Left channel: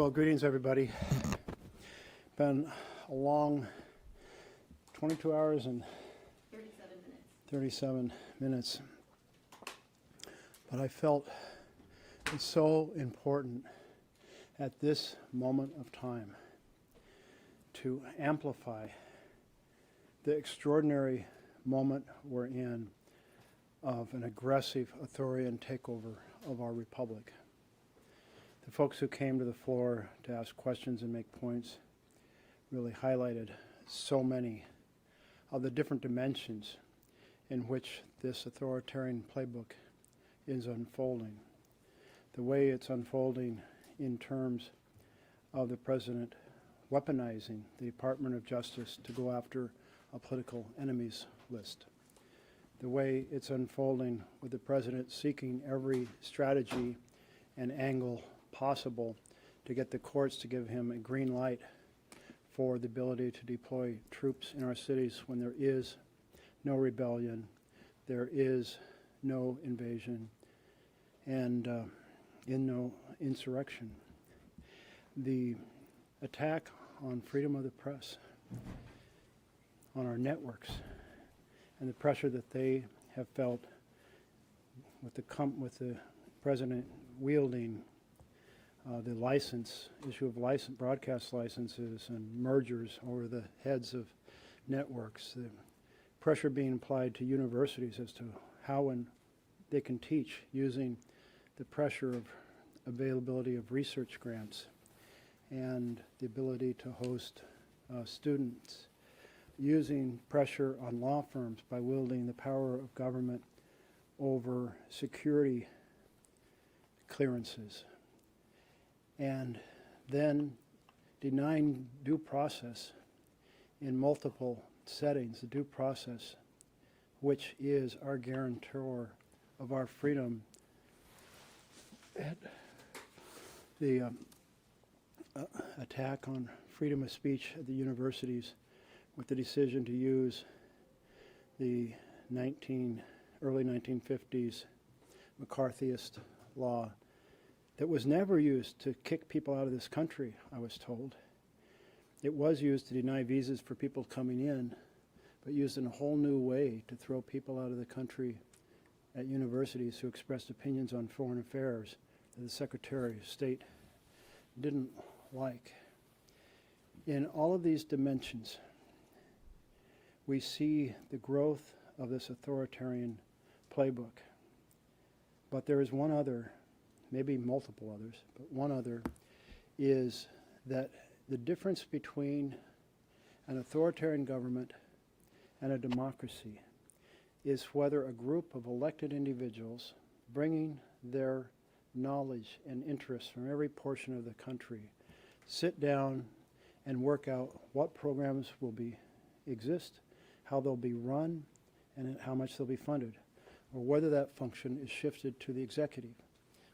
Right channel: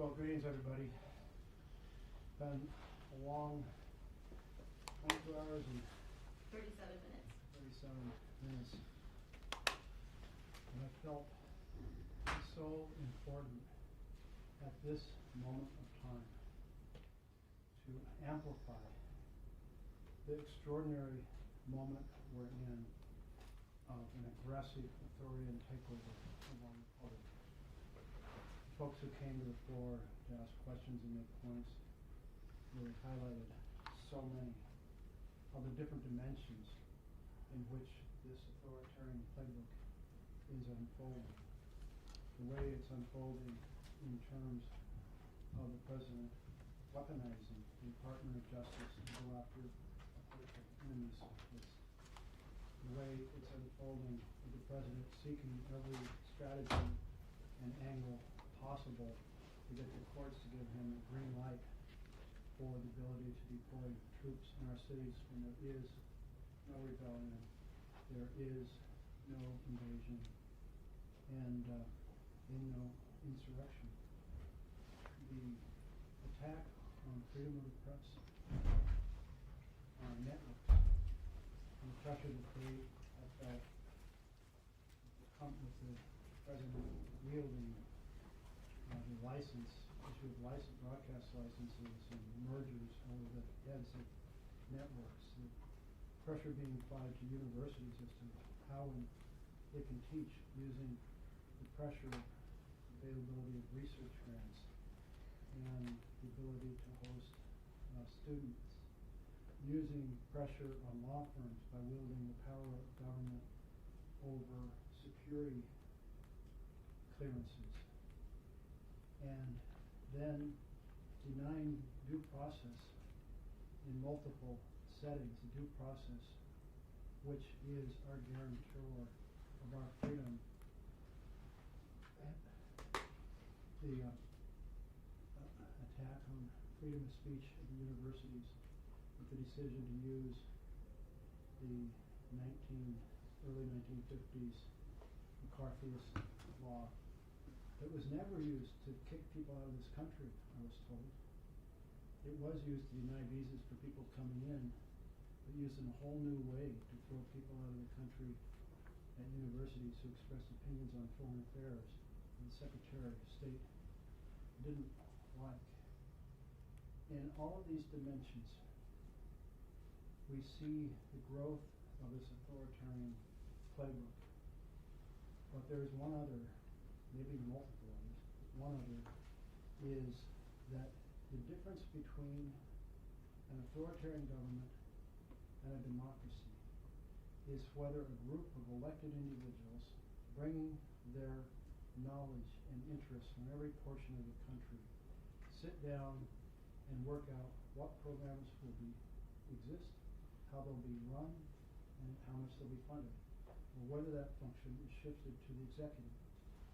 Well, greetings, everybody. Been a long 22 hours and 37 minutes. But I felt it's so important at this moment of time to amplify the extraordinary moment we're in of an aggressive authoritarian takeover of our republic. The folks who came to the floor to ask questions and make points really highlighted so many of the different dimensions in which this authoritarian playbook is unfolding. The way it's unfolding in terms of the president weaponizing the Department of Justice to go after a political enemies list. The way it's unfolding with the president seeking every strategy and angle possible to get the courts to give him a green light for the ability to deploy troops in our cities when there is no rebellion, there is no invasion, and no insurrection. The attack on freedom of the press, on our networks, and the pressure that they have felt with the president wielding the issue of broadcast licenses and mergers over the heads of networks, the pressure being applied to universities as to how and they can teach using the pressure of availability of research grants and the ability to host students, using pressure on law firms by wielding the power of government over security clearances, and then denying due process in multiple settings, the due process which is our guarantor of our freedom. The attack on freedom of speech at the universities with the decision to use the early 1950s McCarthyist law that was never used to kick people out of this country, I was told. It was used to deny visas for people coming in, but used in a whole new way to throw people out of the country at universities who expressed opinions on foreign affairs that the Secretary of State didn't like. In all of these dimensions, we see the growth of this authoritarian playbook. But there is one other, maybe multiple others, but one other is that the difference between an authoritarian government and a democracy is whether a group of elected individuals bringing their knowledge and interests from every portion of the country sit down and work out what programs will exist, how they'll be run, and how much they'll be funded, or whether that function is shifted to the executive.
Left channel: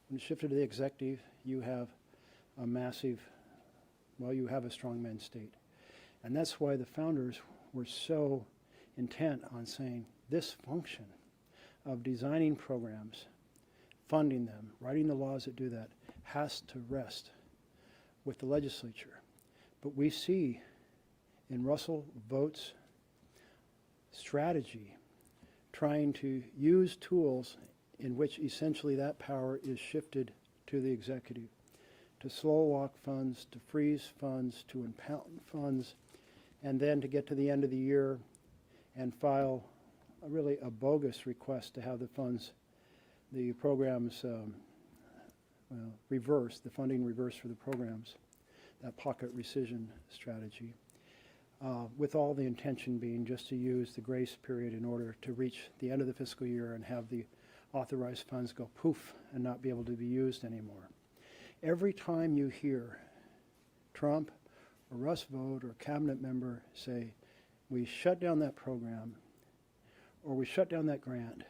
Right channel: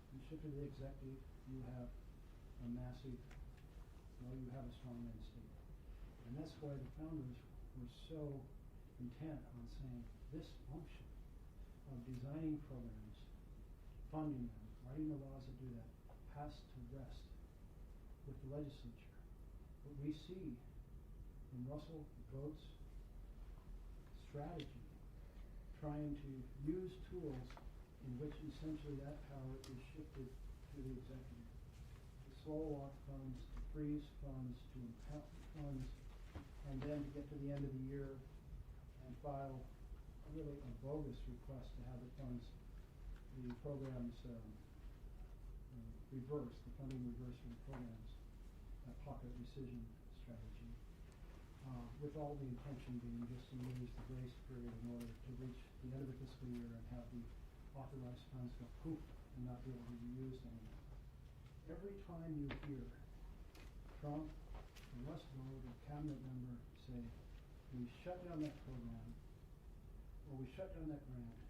When it's shifted to the executive, you have you have a strongman state. And that's why the founders were so intent on saying this function of designing programs, funding them, writing the laws that do that, has to rest with the legislature. But we see in Russell Vought's strategy trying to use tools in which essentially that power is shifted to the executive, to slow walk funds, to freeze funds, to impound funds, and then to get to the end of the year and file a bogus request to have the funds, the programs reversed, the funding reversed for the programs, that pocket rescission strategy, with all the intention being just to use the grace period in order to reach the end of the fiscal year and have the authorized funds go poof and not be able to be used anymore. Every time you hear Trump or Russ Vought or a cabinet member say, we shut down that program or we shut down that grant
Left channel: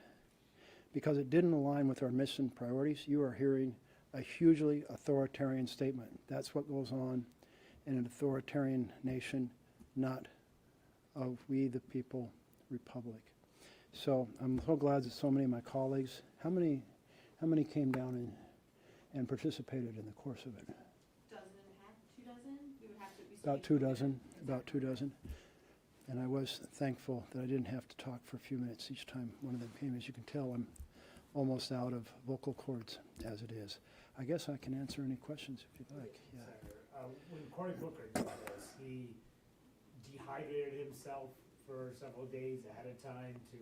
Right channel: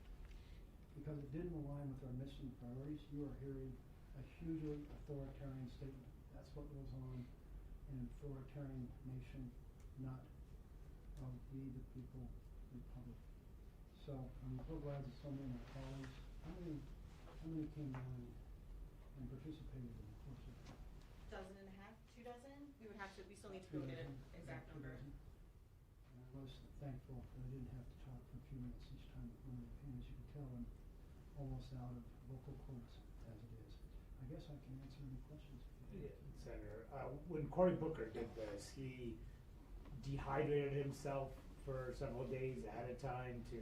because it didn't align with our mission priorities, you are hearing a hugely authoritarian statement. That's what goes on in an authoritarian nation, not of we the people republic. So I'm so glad that so many of my colleagues, how many came down and participated in the course of it? 12.5 about 2 dozen, about 2 dozen. And I was thankful that I didn't have to talk for a few minutes each time one of them came. As you can tell, I'm almost out of vocal cords as it is. I guess I can answer any questions if you'd like. Yeah. Senator, when Cory Booker did this, he dehydrated himself for several days ahead of time to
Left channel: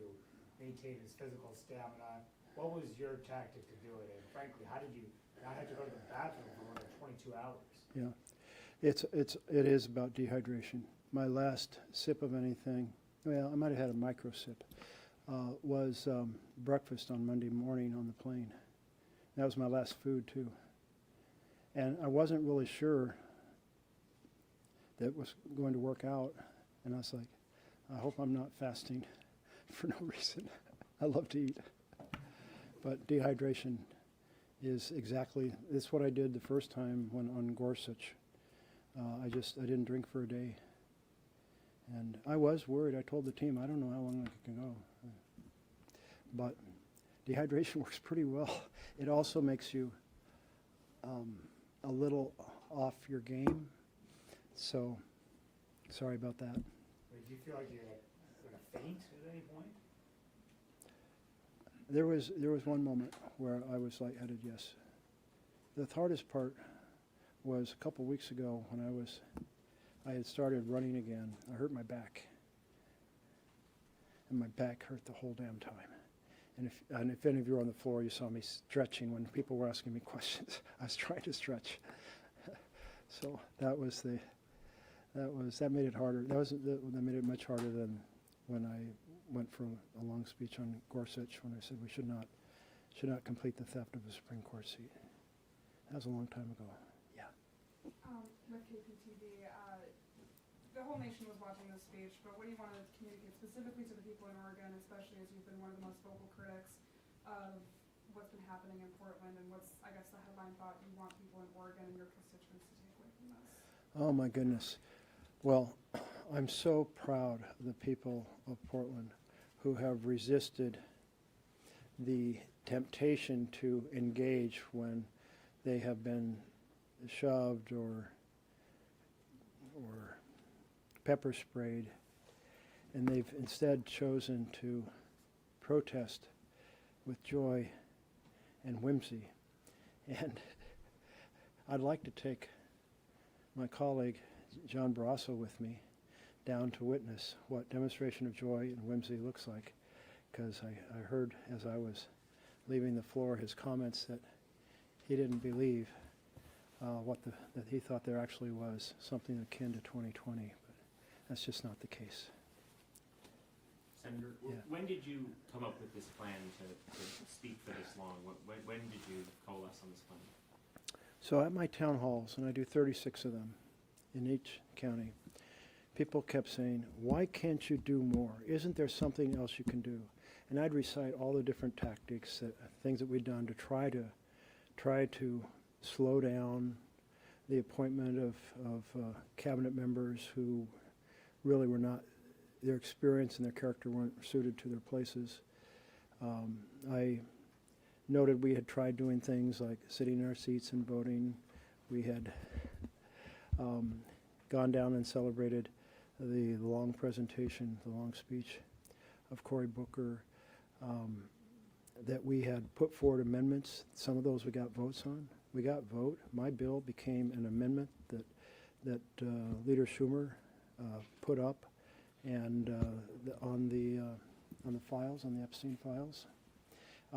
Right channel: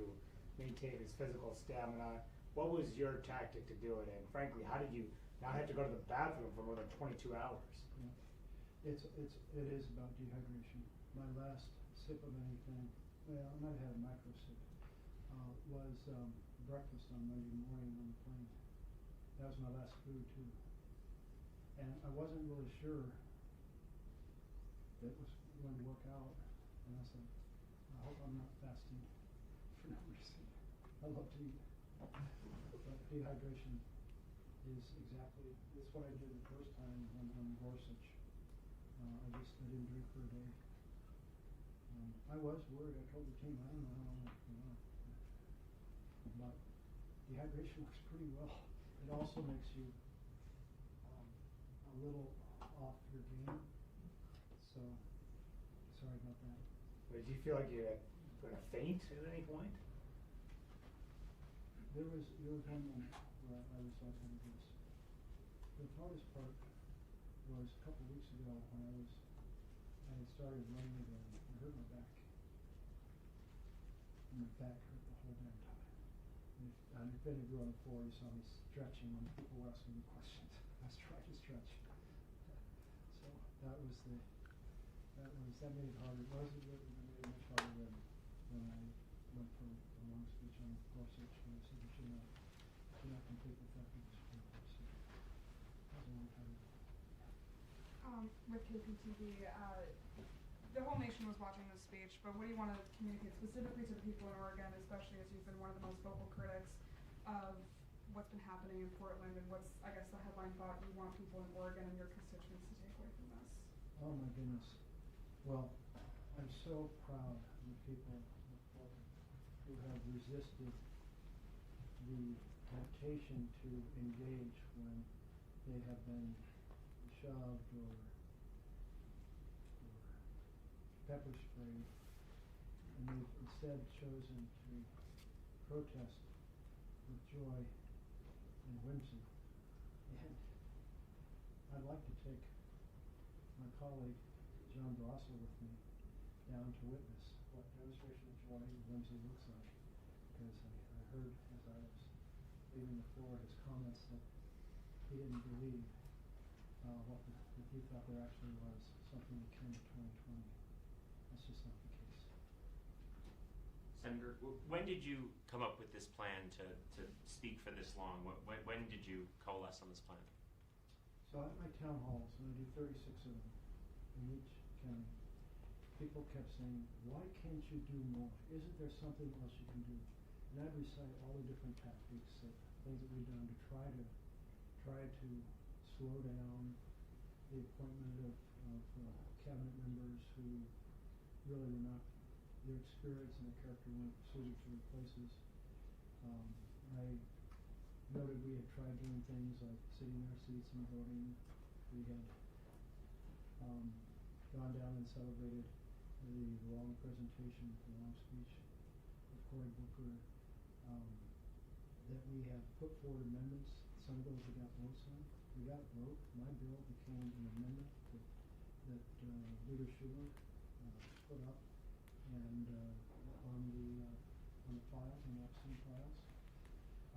maintain his physical stamina. What was your tactic to do it? And frankly, how did you not have to go to the bathroom for more than 22 hours? Yeah, it is about dehydration. My last sip of anything, well, I might have had a micro sip, was breakfast on Monday morning on the plane. That was my last food too. And I wasn't really sure that it was going to work out. And I was like, I hope I'm not fasting for no reason. I love to eat. But dehydration is it's what I did the first time when on Gorsuch. I didn't drink for a day. And I was worried. I told the team, I don't know how long I can go. But dehydration works pretty well. It also makes you a little off your game. So, sorry about that. Did you feel like you were going to faint at any point? There was one moment where I was lightheaded, yes. The hardest part was a couple weeks ago when I had started running again. I hurt my back. And my back hurt the whole damn time. And if any of you were on the floor, you saw me stretching when people were asking me questions. I was trying to stretch. So that made it harder. That made it much harder than when I went for a long speech on Gorsuch when I said we should not complete the theft of the Supreme Court seat. That was a long time ago. Yeah. With KPTV, the whole nation was watching this speech, but what do you want to communicate specifically to the people in Oregon, especially as you've been one of the most vocal critics of what's been happening in Portland, and what's, I guess, the headline thought you want people in Oregon and your constituents to take away from this? Oh my goodness. Well, I'm so proud of the people of Portland who have resisted the temptation to engage when they have been shoved or pepper sprayed, and they've instead chosen to protest with joy and whimsy. And I'd like to take my colleague John Barrasso with me down to witness what demonstration of joy and whimsy looks like, because I heard as I was leaving the floor his comments that he didn't believe that he thought there actually was something akin to 2020, but that's just not the case. Senator, Yeah. When did you come up with this plan to speak for this long? When did you coalesce on this plan? So at my town halls, and I do 36 of them in each county, people kept saying, why can't you do more? Isn't there something else you can do? And I'd recite all the different tactics, things that we'd done to try to slow down the appointment of cabinet members who really were not, their experience and their character weren't suited to their places. I noted we had tried doing things like sitting in our seats and voting. We had gone down and celebrated the long presentation, the long speech of Cory Booker, that we had put forward amendments. Some of those we got votes on. We got vote. My bill became an amendment that Leader Schumer put up, and on the files, on the Epstein files.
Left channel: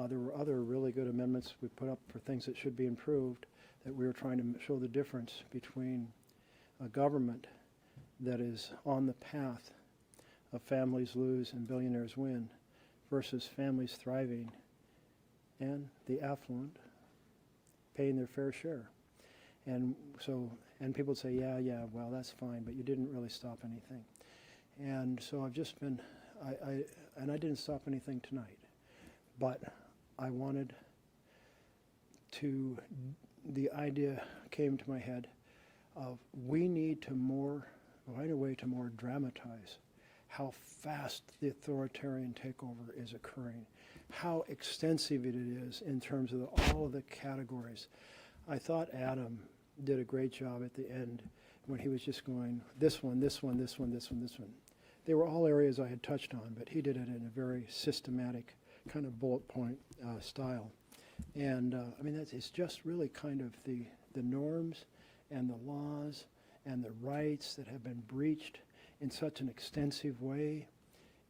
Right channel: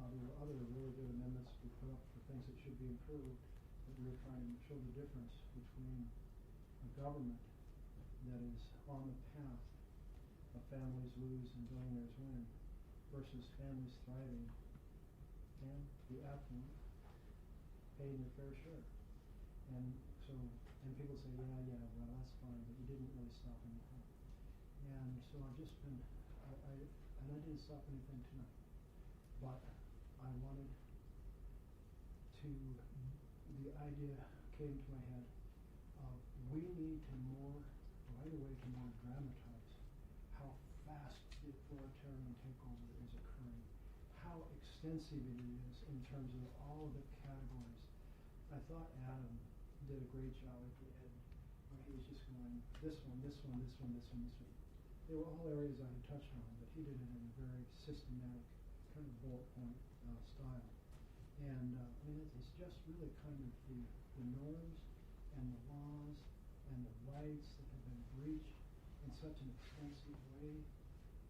There were other really good amendments we put up for things that should be improved, that we were trying to show the difference between a government that is on the path of families lose and billionaires win versus families thriving and the affluent paying their fair share. And people would say, yeah, well, that's fine, but you didn't really stop anything. And so I've just been, I didn't stop anything tonight, but I wanted to, the idea came to my head of we need to find a way to more dramatize how fast the authoritarian takeover is occurring, how extensive it is in terms of all of the categories. I thought Adam did a great job at the end when he was just going, this one, this one, this one, this one, this one. They were all areas I had touched on, but he did it in a very systematic kind of bullet point style. And I mean, it's just really kind of the norms and the laws and the rights that have been breached in such an extensive way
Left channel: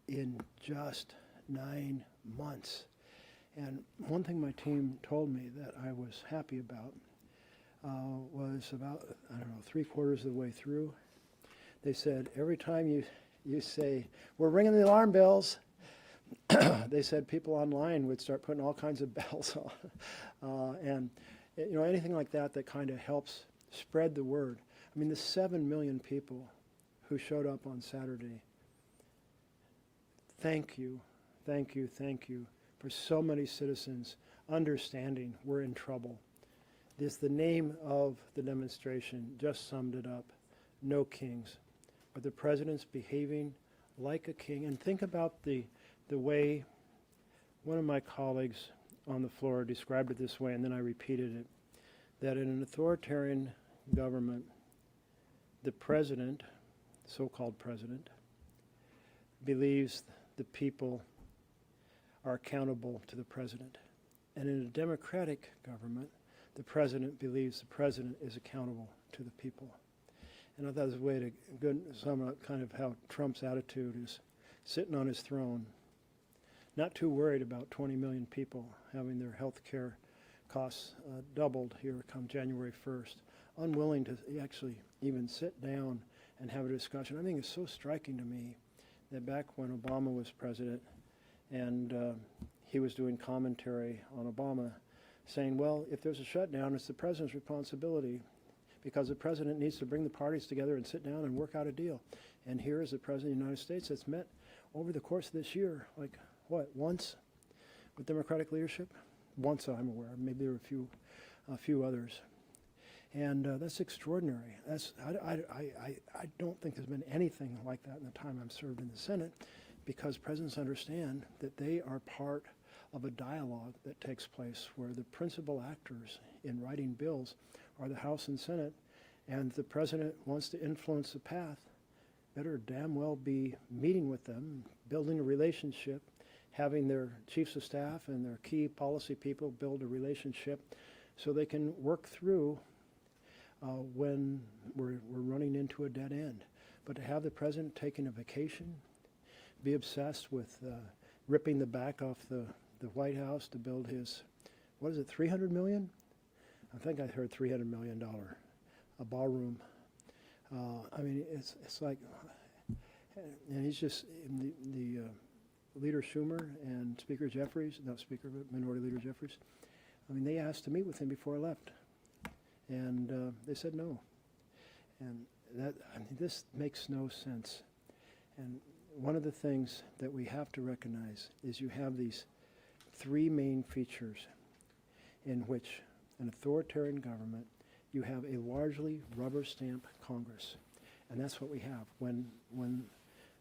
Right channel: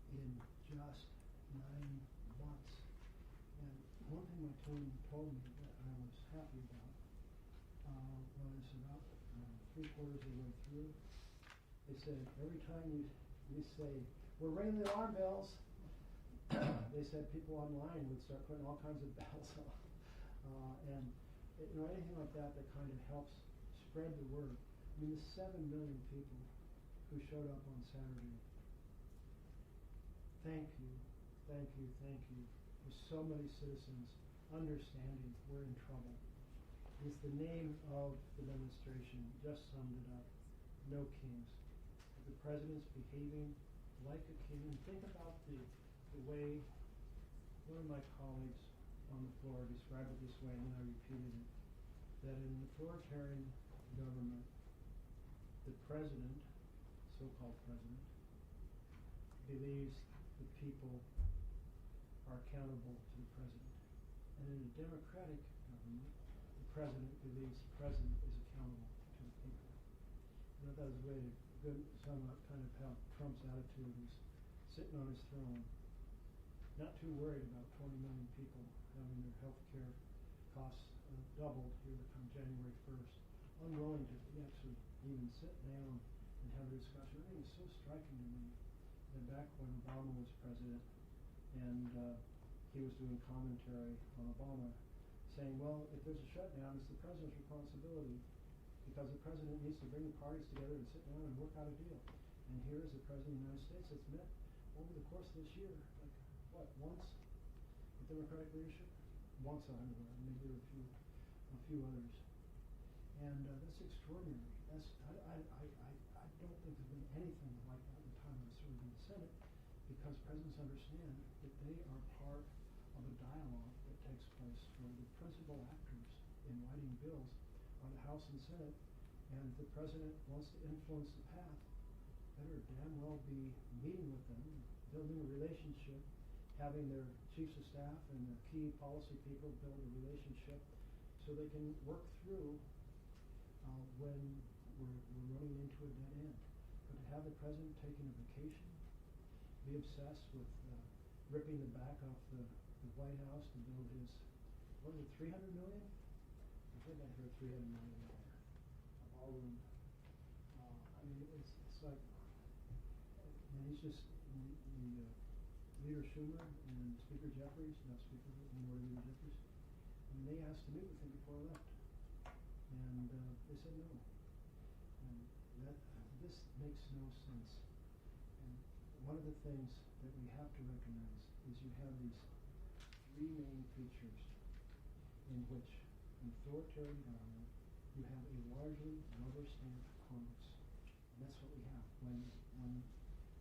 in just 9 months. And one thing my team told me that I was happy about was about, I don't know, 3/4 of the way through. They said, every time you say, we're ringing the alarm bells, they said people online would start putting all kinds of bells on. And you know, anything like that that kind of helps spread the word. I mean, the 7 million people who showed up on Saturday, thank you, thank you, thank you for so many citizens understanding we're in trouble. The name of the demonstration just summed it up. No kings. But the president's behaving like a king. And think about the way one of my colleagues on the floor described it this way, and then I repeated it, that in an authoritarian government, the president, so-called president, believes the people are accountable to the president. And in a democratic government, the president believes the president is accountable to the people. And I thought it was a way to sum up kind of how Trump's attitude is, sitting on his throne, not too worried about 20 million people having their health care costs doubled here come January 1st, unwilling to actually even sit down and have a discussion. I think it's so striking to me that back when Obama was president and he was doing commentary on Obama, saying, well, if there's a shutdown, it's the president's responsibility because the president needs to bring the parties together and sit down and work out a deal. And here is the president of the United States that's met over the course of this year, like, what, once with Democratic leadership? Once, I'm aware. Maybe there were a few others. And that's extraordinary. I don't think there's been anything like that in the time I've served in the Senate, because presidents understand that they are part of a dialogue that takes place where the principal actors in writing bills are the House and Senate, and the president wants to influence the path, better damn well be meeting with them, building a relationship, having their chiefs of staff and their key policy people build a relationship so they can work through when we're running into a dead end. But to have the president taking a vacation, be obsessed with ripping the back off the White House to build his, what is it, $300 million? I think I heard $300 million, a ballroom. I mean, it's like, and he's just, the Leader Schumer and Speaker Jeffries, not Speaker, but Minority Leader Jeffries, I mean, they asked to meet with him before I left. And they said no. And that, I mean, this makes no sense. And one of the things that we have to recognize is you have these three main features in which an authoritarian government, you have a largely rubber stamp Congress. And that's what we have. When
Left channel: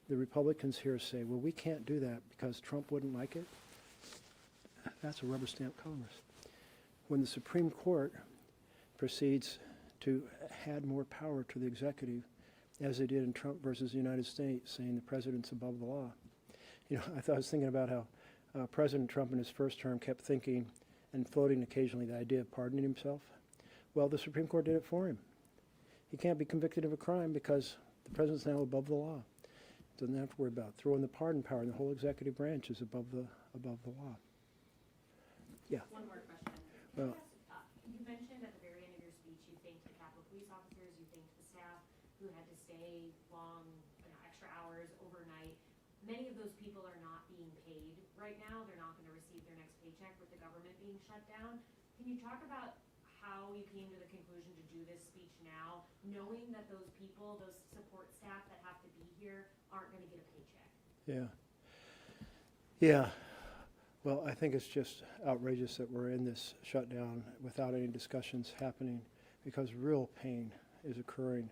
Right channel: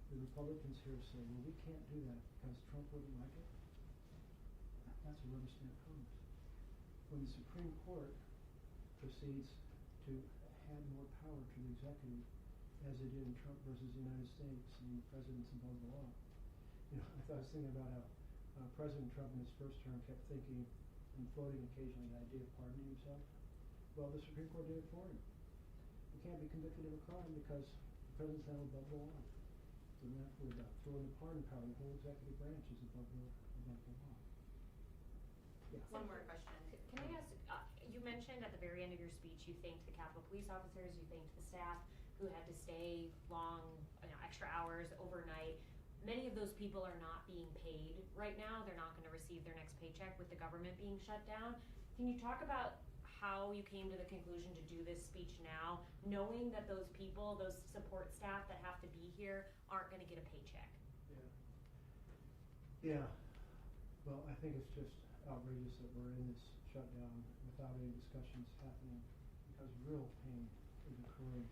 the Republicans here say, well, we can't do that because Trump wouldn't like it, that's a rubber stamp Congress. When the Supreme Court proceeds to add more power to the executive, as they did in Trump versus the United States, saying the president's above the law. You know, I was thinking about how President Trump in his first term kept thinking and floating occasionally the idea of pardoning himself. Well, the Supreme Court did it for him. He can't be convicted of a crime because the president's now above the law. Doesn't have to worry about throwing the pardon power, and the whole executive branch is above the law. Yeah. One more question. Can I ask, you mentioned at the very end of your speech you thanked the Capitol Police officers, you thanked the staff who had to stay long, extra hours overnight. Many of those people are not being paid right now. They're not going to receive their next paycheck with the government being shut down. Can you talk about how you came to the conclusion to do this speech now, knowing that those people, those support staff that have to be here aren't going to get a paycheck? Yeah. Yeah. Well, I think it's just outrageous that we're in this shutdown without any discussions happening, because real pain is occurring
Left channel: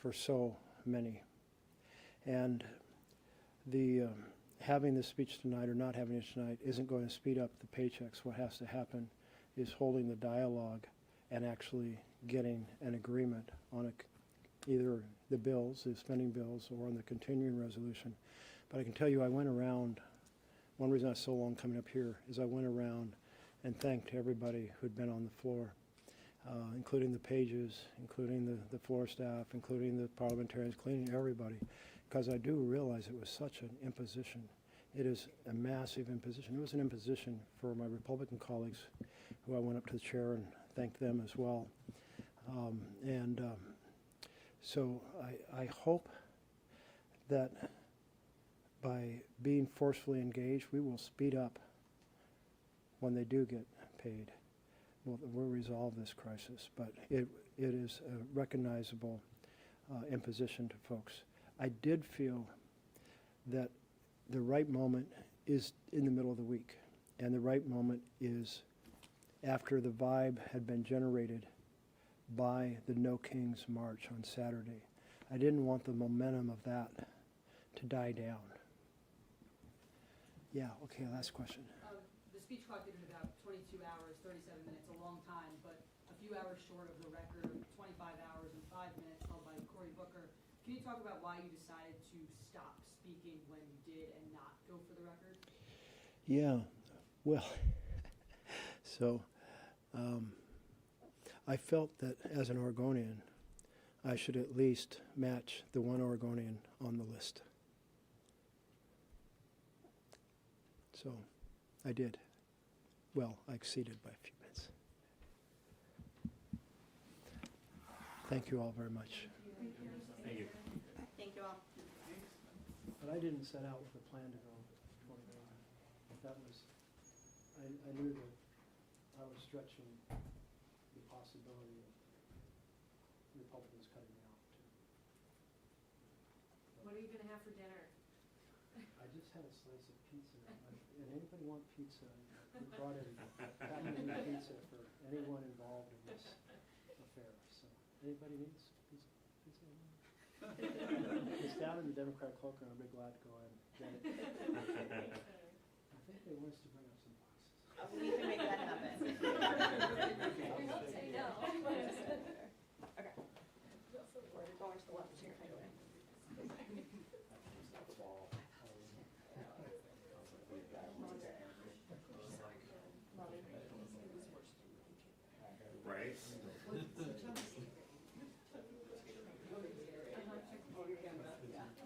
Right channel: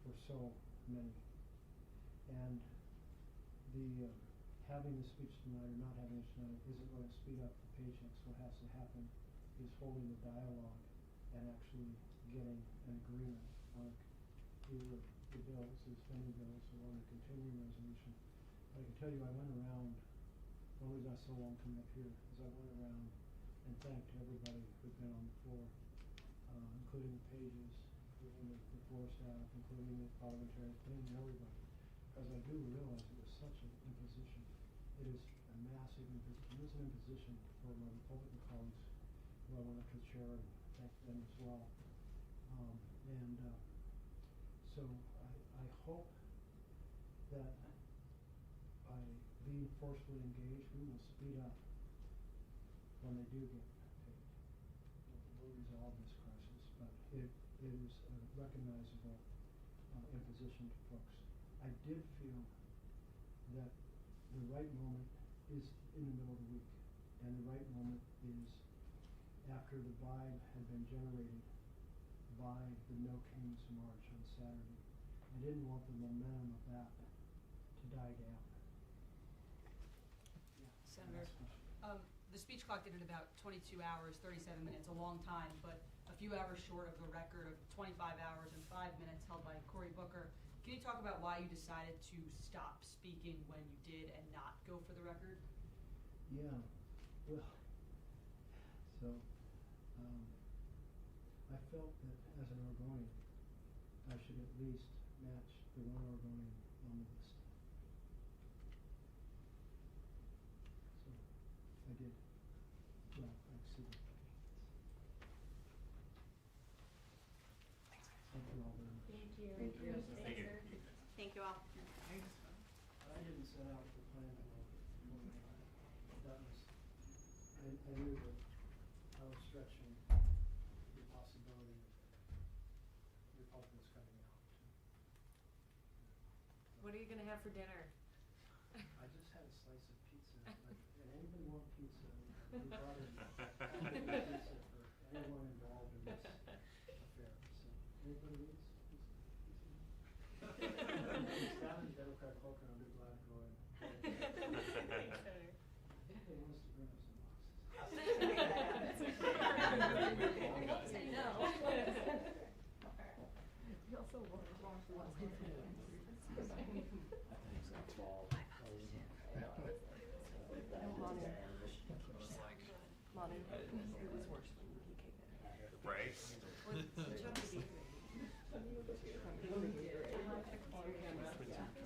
for so many. And the having this speech tonight or not having it tonight isn't going to speed up the paychecks. What has to happen is holding the dialogue and actually getting an agreement on a either the bills, the spending bills, or on the continuing resolution. But I can tell you, I went around, one reason I was so long coming up here is I went around and thanked everybody who'd been on the floor, including the pages, including the floor staff, including the parliamentarians, including everybody, because I do realize it was such an imposition. It is a massive imposition. It was an imposition for my Republican colleagues, who I went up to the chair and thanked them as well. So I hope that by being forcefully engaged, we will speed up when they do get paid. We'll resolve this crisis, but it is a recognizable imposition to folks. I did feel that the right moment is in the middle of the week, and the right moment is after the vibe had been generated by the No Kings March on Saturday. I didn't want the momentum of that to die down. Yeah, okay, last question. The speech clock did it about 22 hours, 37 minutes, a long time, but a few hours short of the record of 25 hours and 5 minutes held by Cory Booker. Can you talk about why you decided to stop speaking when you did and not go for the record? Yeah, well, so I felt that as an Oregonian, I should at least match the one Oregonian on the list. So I did. Well, I exceeded by a few minutes. Thank you all very much. Thank you. Thank you. Thank you all. But I didn't set out with a plan to go. That was, I knew that I was stretching the possibility of Republicans cutting me out too. What are you gonna have for dinner? I just had a slice of pizza. And anybody want pizza? We brought in packing pizza for anyone involved in this affair. So anybody needs pizza? It's down in the Democratic cloakroom. I'd be glad to go in. I think they want us to bring us some boxes. Don't say no. Right? What chunk did you